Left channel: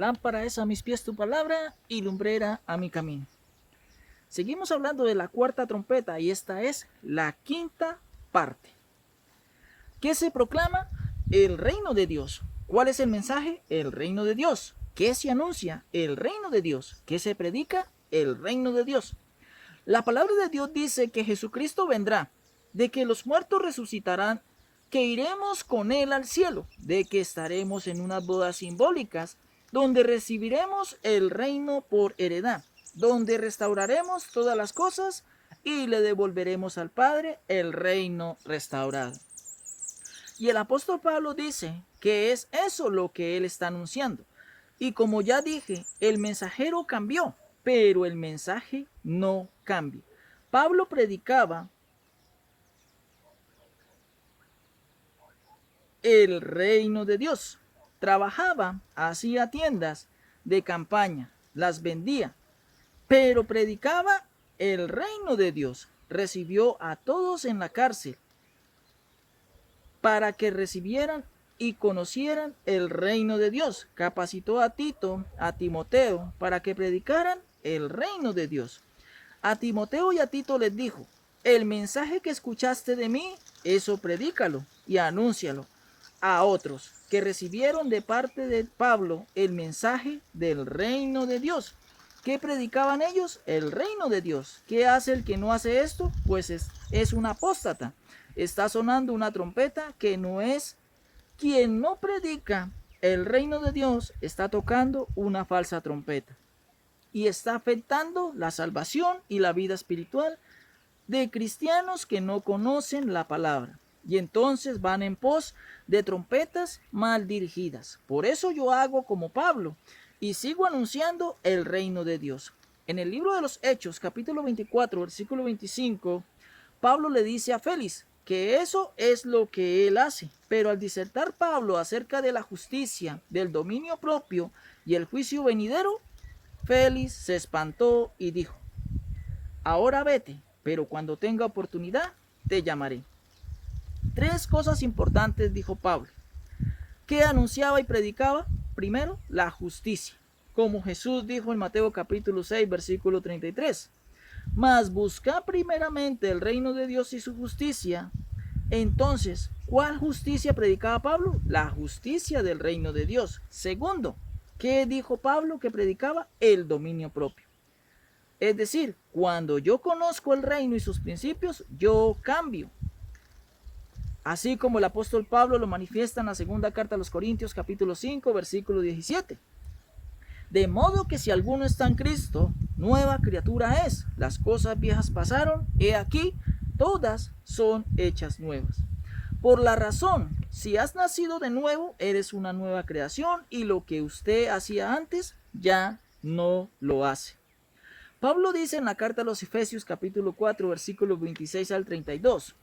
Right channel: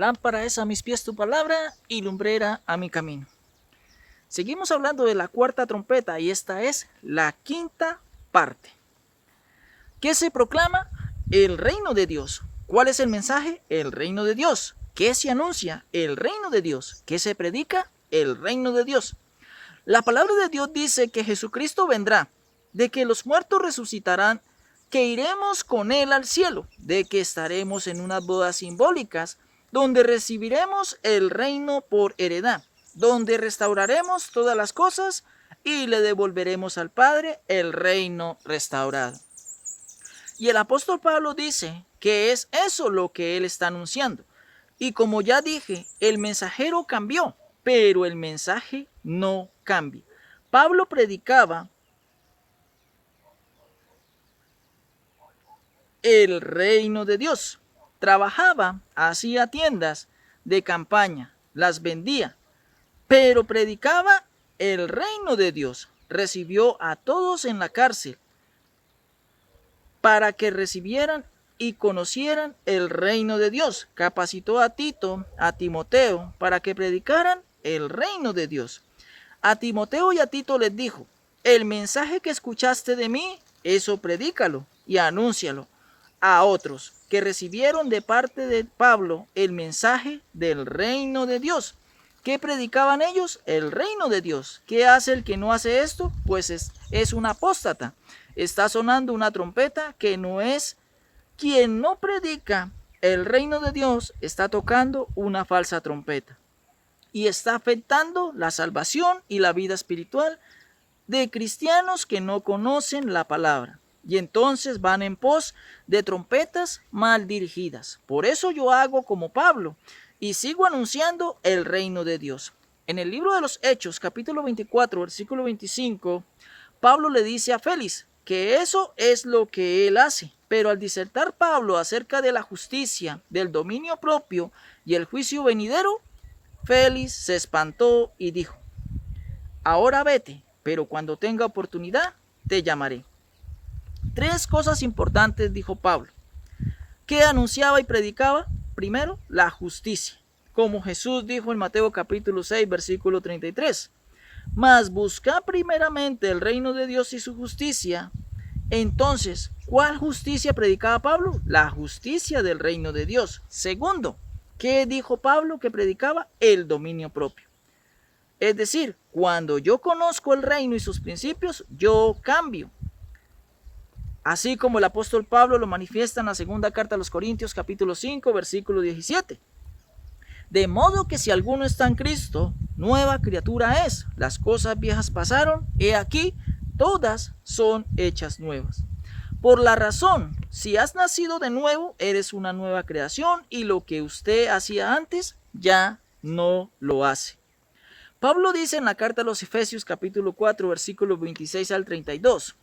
Lámpara es a mis pies tu palabra y lumbrera a mi camino. Seguimos hablando de la cuarta trompeta y esta es la quinta parte. ¿Qué se proclama? El reino de Dios. ¿Cuál es el mensaje? El reino de Dios. ¿Qué se anuncia? El reino de Dios. ¿Qué se predica? El reino de Dios. La palabra de Dios dice que Jesucristo vendrá, de que los muertos resucitarán, que iremos con Él al cielo, de que estaremos en unas bodas simbólicas, donde recibiremos el reino por heredad, donde restauraremos todas las cosas y le devolveremos al Padre el reino restaurado. Y el apóstol Pablo dice que es eso lo que él está anunciando. Y como ya dije, el mensajero cambió, pero el mensaje no cambia. Pablo predicaba el reino de Dios. Trabajaba, hacía tiendas de campaña, las vendía, pero predicaba el reino de Dios. Recibió a todos en la cárcel para que recibieran y conocieran el reino de Dios. Capacitó a Tito, a Timoteo, para que predicaran el reino de Dios. A Timoteo y a Tito les dijo: el mensaje que escuchaste de mí, eso predícalo y anúncialo a otros que recibieron de parte de Pablo el mensaje del reino de Dios. ¿Qué predicaban ellos? El reino de Dios. ¿Qué hace el que no hace esto? Pues es un apóstata. Está sonando una trompeta que no es. Quien no predica el reino de Dios está tocando una falsa trompeta y está afectando la salvación y la vida espiritual de cristianos que no conocen la palabra. Y entonces van en pos de trompetas mal dirigidas. Por eso yo hago como Pablo y sigo anunciando el reino de Dios. En el libro de los Hechos, capítulo 24, versículo 25, Pablo le dice a Félix que eso es lo que él hace. Pero al disertar Pablo acerca de la justicia, del dominio propio y el juicio venidero, Félix se espantó y dijo: ahora vete, pero cuando tenga oportunidad te llamaré. Tres cosas importantes dijo Pablo. ¿Qué anunciaba y predicaba? Primero, la justicia, como Jesús dijo en Mateo capítulo 6, versículo 33. Mas busca primeramente el reino de Dios y su justicia. Entonces, ¿cuál justicia predicaba Pablo? La justicia del reino de Dios. Segundo, ¿qué dijo Pablo que predicaba? El dominio propio. Es decir, cuando yo conozco el reino y sus principios, yo cambio. Así como el apóstol Pablo lo manifiesta en la segunda carta a los Corintios, capítulo 5, versículo 17. De modo que si alguno está en Cristo, nueva criatura es. Las cosas viejas pasaron, he aquí, todas son hechas nuevas. Por la razón, si has nacido de nuevo, eres una nueva creación y lo que usted hacía antes, ya no lo hace. Pablo dice en la carta a los Efesios, capítulo 4, versículos 26 al 32.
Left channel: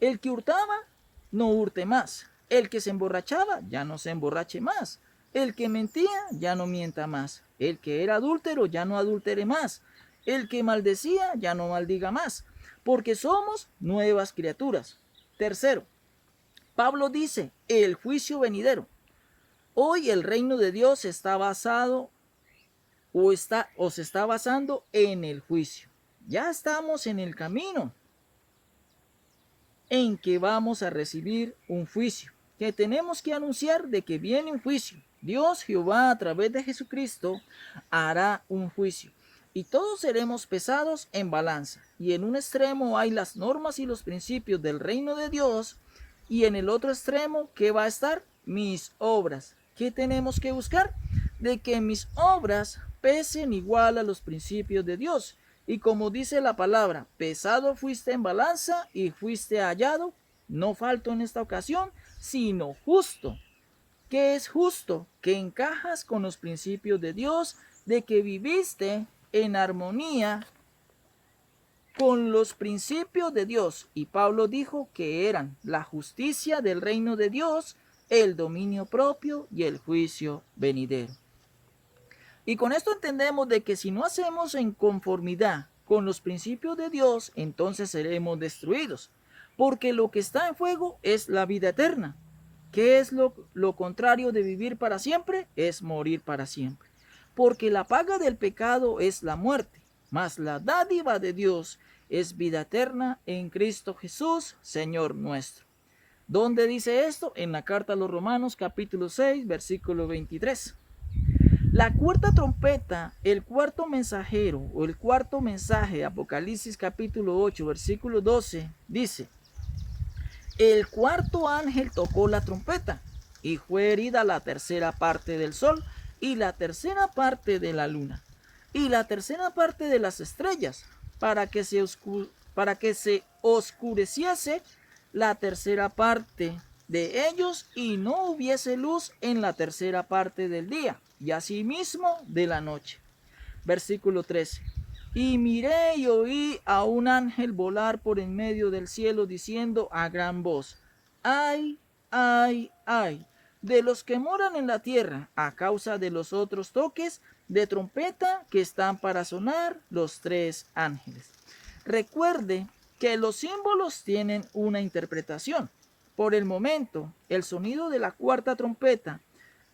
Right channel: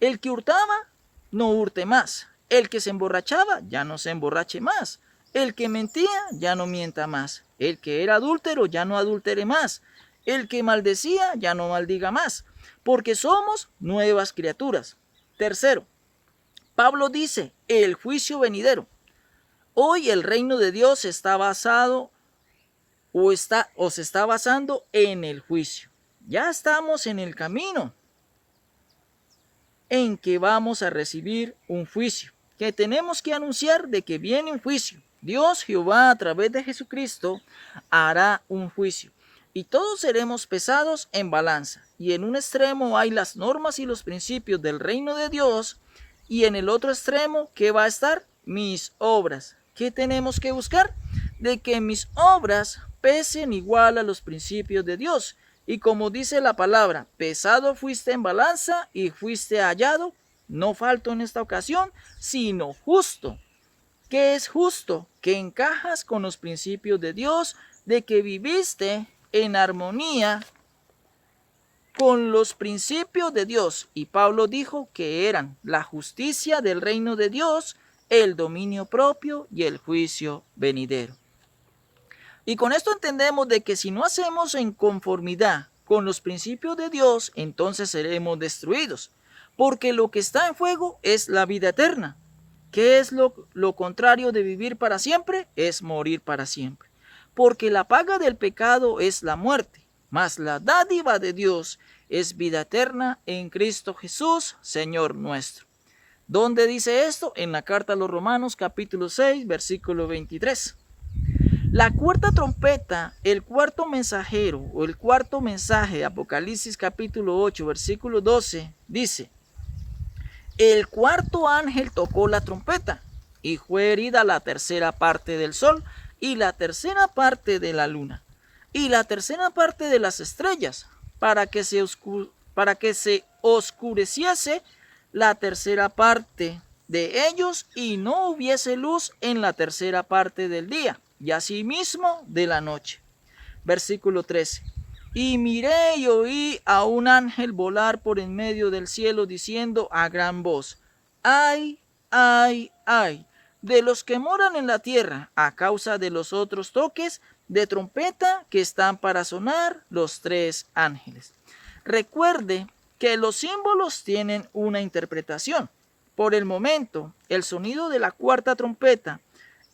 El que hurtaba, no hurte más. El que se emborrachaba, ya no se emborrache más. El que mentía, ya no mienta más. El que era adúltero, ya no adultere más. El que maldecía, ya no maldiga más. Porque somos nuevas criaturas. Tercero, Pablo dice, el juicio venidero. Hoy el reino de Dios está basado o se está basando en el juicio. Ya estamos en el camino en que vamos a recibir un juicio, que tenemos que anunciar de que viene un juicio. Dios Jehová a través de Jesucristo hará un juicio y todos seremos pesados en balanza, y en un extremo hay las normas y los principios del reino de Dios y en el otro extremo, ¿qué va a estar? Mis obras. ¿Qué tenemos que buscar? De que mis obras pesen igual a los principios de Dios. Y como dice la palabra, pesado fuiste en balanza y fuiste hallado, no falto en esta ocasión, sino justo. ¿Qué es justo? Que encajas con los principios de Dios, de que viviste en armonía con los principios de Dios. Y Pablo dijo que eran la justicia del reino de Dios, el dominio propio y el juicio venidero. Y con esto entendemos de que si no hacemos en conformidad con los principios de Dios, entonces seremos destruidos, porque lo que está en fuego es la vida eterna. ¿Qué es lo contrario de vivir para siempre? Es morir para siempre. Porque la paga del pecado es la muerte, mas la dádiva de Dios es vida eterna en Cristo Jesús, Señor nuestro. ¿Dónde dice esto? En la carta a los Romanos, capítulo 6, versículo 23. La cuarta trompeta, el cuarto mensajero o el cuarto mensaje de Apocalipsis capítulo 8, versículo 12, dice: el cuarto ángel tocó la trompeta y fue herida la tercera parte del sol y la tercera parte de la luna y la tercera parte de las estrellas para que se oscureciese la tercera parte de ellos y no hubiese luz en la tercera parte del día y asimismo de la noche. Versículo 13. Y miré y oí a un ángel volar por en medio del cielo diciendo a gran voz: ay, ay, ay, de los que moran en la tierra a causa de los otros toques de trompeta que están para sonar los tres ángeles. Recuerde que los símbolos tienen una interpretación. Por el momento, el sonido de la cuarta trompeta,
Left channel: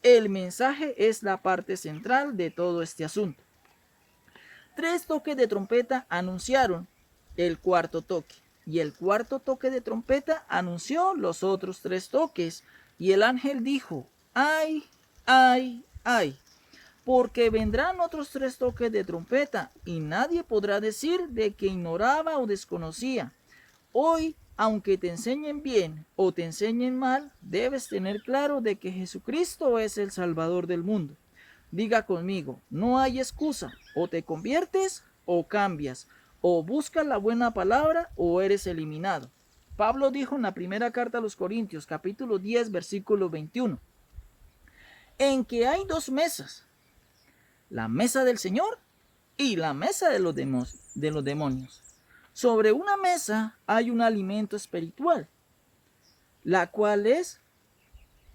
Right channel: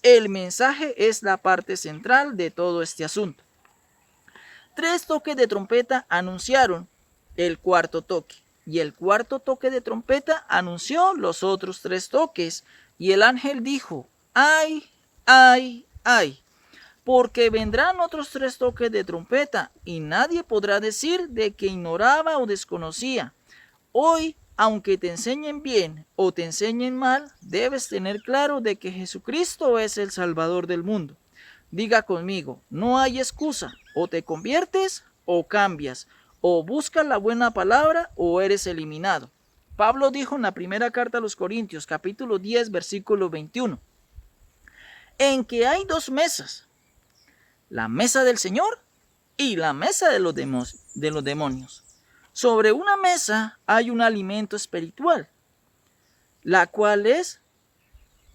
el mensaje, es la parte central de todo este asunto. Tres toques de trompeta anunciaron el cuarto toque, y el cuarto toque de trompeta anunció los otros tres toques, y el ángel dijo: ay, ay, ay, porque vendrán otros tres toques de trompeta, y nadie podrá decir de que ignoraba o desconocía. Hoy, aunque te enseñen bien o te enseñen mal, debes tener claro de que Jesucristo es el Salvador del mundo. Diga conmigo: no hay excusa, o te conviertes o cambias, o buscas la buena palabra o eres eliminado. Pablo dijo en la primera carta a los Corintios, capítulo 10, versículo 21, en que hay dos mesas, la mesa del Señor y la mesa de los demonios. Sobre una mesa hay un alimento espiritual, la cual es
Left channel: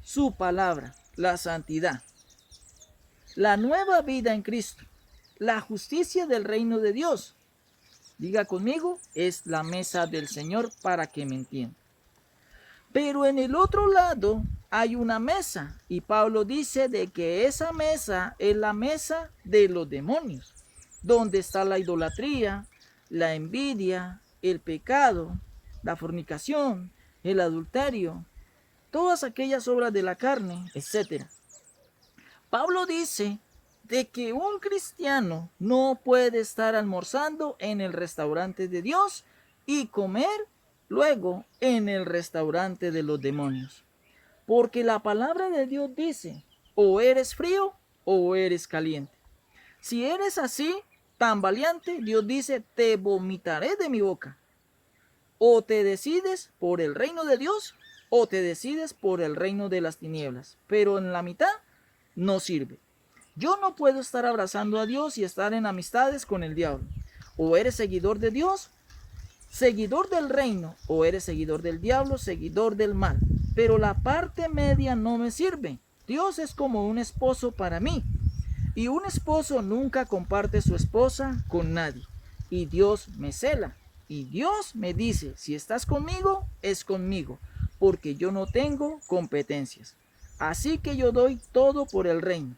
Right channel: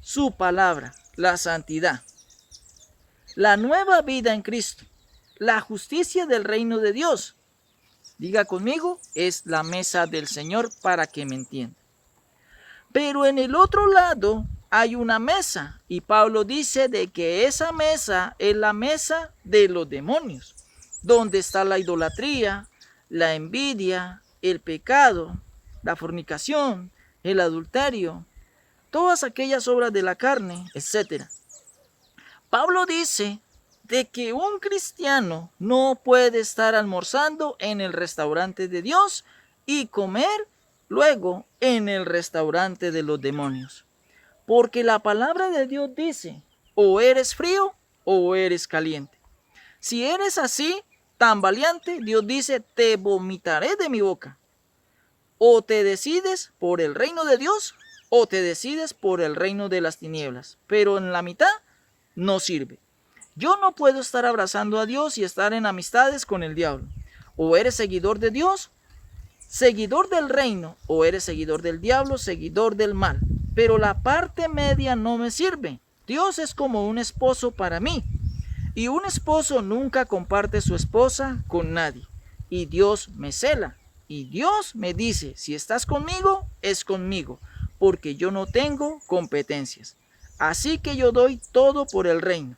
su palabra, la santidad, la nueva vida en Cristo, la justicia del reino de Dios. Diga conmigo: es la mesa del Señor, para que me entienda. Pero en el otro lado hay una mesa, y Pablo dice de que esa mesa es la mesa de los demonios, donde está la idolatría, la envidia, el pecado, la fornicación, el adulterio, todas aquellas obras de la carne, etc. Pablo dice de que un cristiano no puede estar almorzando en el restaurante de Dios y comer luego en el restaurante de los demonios. Porque la palabra de Dios dice: o eres frío o eres caliente. Si eres así, tan valiente, Dios dice: te vomitaré de mi boca. O te decides por el reino de Dios o te decides por el reino de las tinieblas. Pero en la mitad no sirve. Yo no puedo estar abrazando a Dios y estar en amistades con el diablo. O eres seguidor de Dios, seguidor del reino, o eres seguidor del diablo, seguidor del mal. Pero la parte media no me sirve. Dios es como un esposo para mí. Y un esposo nunca comparte su esposa con nadie. Y Dios me cela. Y Dios me dice: si estás conmigo, es conmigo, porque yo no tengo competencias. Así que yo doy todo por el reino.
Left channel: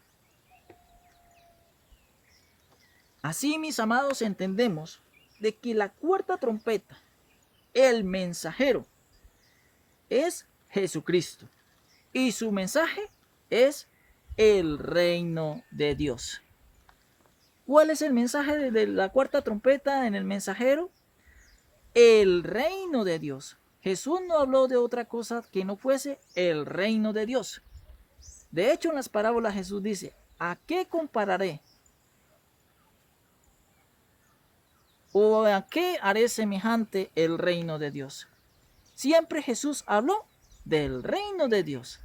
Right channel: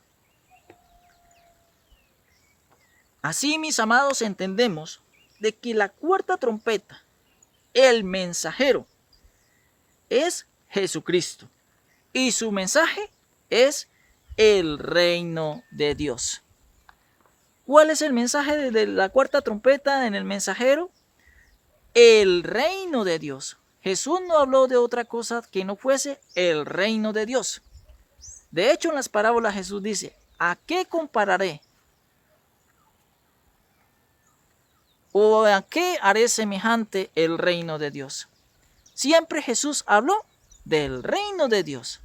Así, mis amados, entendemos de que la cuarta trompeta, el mensajero, es Jesucristo. Y su mensaje es el reino de Dios. ¿Cuál es el mensaje de la cuarta trompeta en el mensajero? El reino de Dios. Jesús no habló de otra cosa que no fuese el reino de Dios. De hecho, en las parábolas Jesús dice: ¿a qué compararé? ¿O a qué haré semejante el reino de Dios? Siempre Jesús habló del reino de Dios.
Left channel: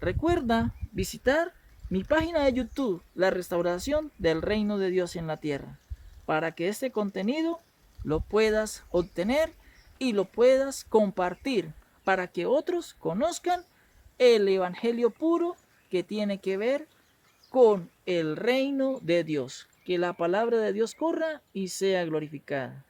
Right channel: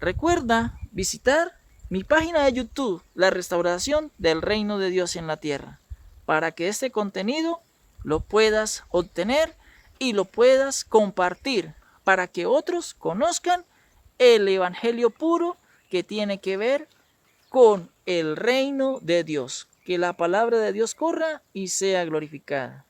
Recuerda visitar mi página de YouTube, La Restauración del Reino de Dios en la Tierra, para que este contenido lo puedas obtener y lo puedas compartir, para que otros conozcan el evangelio puro que tiene que ver con el reino de Dios. Que la palabra de Dios corra y sea glorificada.